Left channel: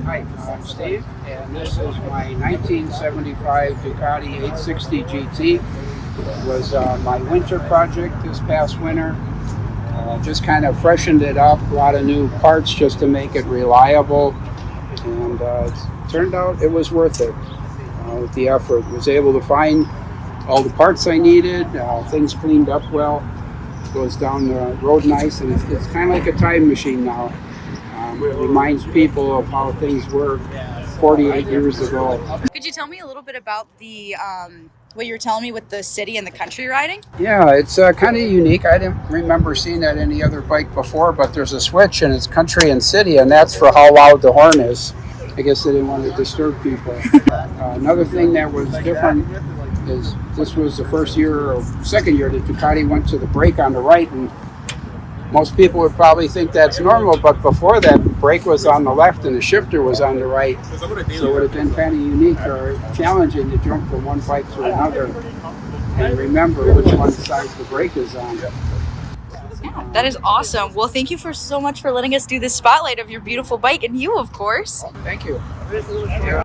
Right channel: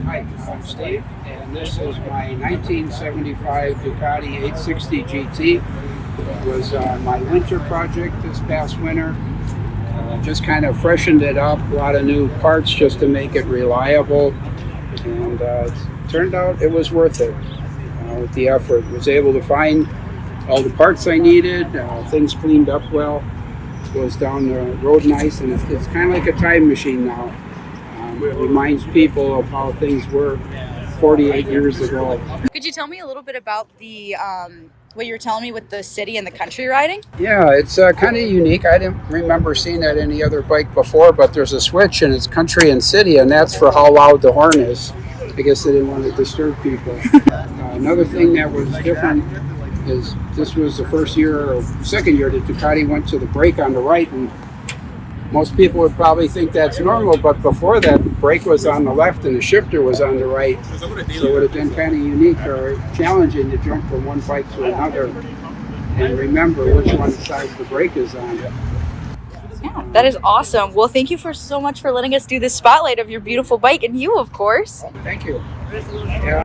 Hi, I'm Steve, and this is my 1975 Ducati 860 GT. It was my winter project this past winter. Just kind of freshened it up, a lot of new parts just to make it reliable, and it turned out it was worth it. With the effort, was able to find all the parts I needed, things cleaned up well, goes down the road nice, and it's kind of like a time machine now. It reminds people of how things were 48 years ago. Could you tell me a little bit about the what you were telling me with the city and the country riding? Yeah, it's kind of unique. I didn't remember seeing that any other bike before, but there's a switch and it's country and city, and that's for how loud the horn is. I guess they didn't want to disturb people. Another thing that was different is this was the first year or second year that Ducati went to the brake on the right, and most people would probably think that's normal, but before that, brake was on the left and the shifter was on the right. So it would have been kind of unique or challenging to jump from one bike to another and remember which one side the brake is on. Yeah, that is awesome. Well, thank you so much for letting us do this spotlight of your beautiful bike, and you, of course. Thank you. Yeah,